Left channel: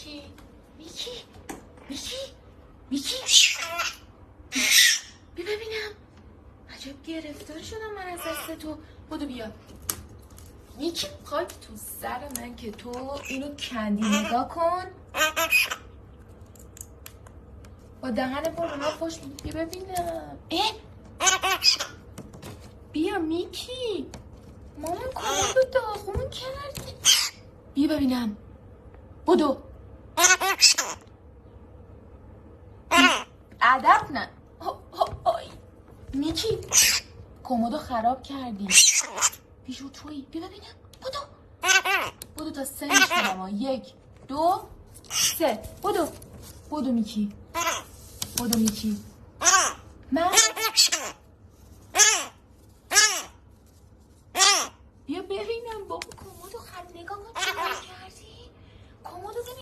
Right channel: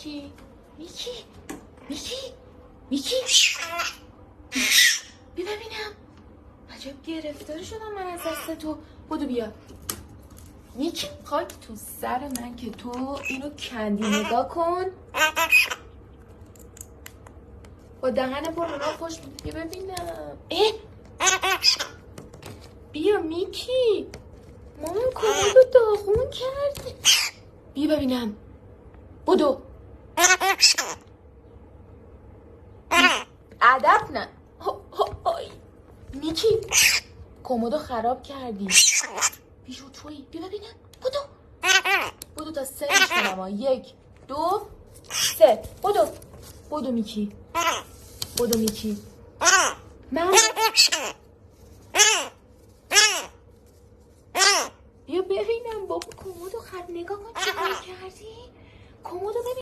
میکی میکی بیا ببینم. عجب گرفتار شدم من از دست تو. بودو بیا میکی. خاک تو سر من که تو اینو کندی. نگاه کن با دهن برونو خوش. بیا ببینم. بیا میکی. مامان کاملو داغون کرد. بیا ببینم. بودو ادب نه. میکی کمدو خراب کردی. بیشو تویی. بیا ببینم. بودو تا 3 میشتم. 1 2 3. بودو میکی. من بیا ببینم بابا کمدو خراب. نگاه کن چقدر کردی. کمدو ببین.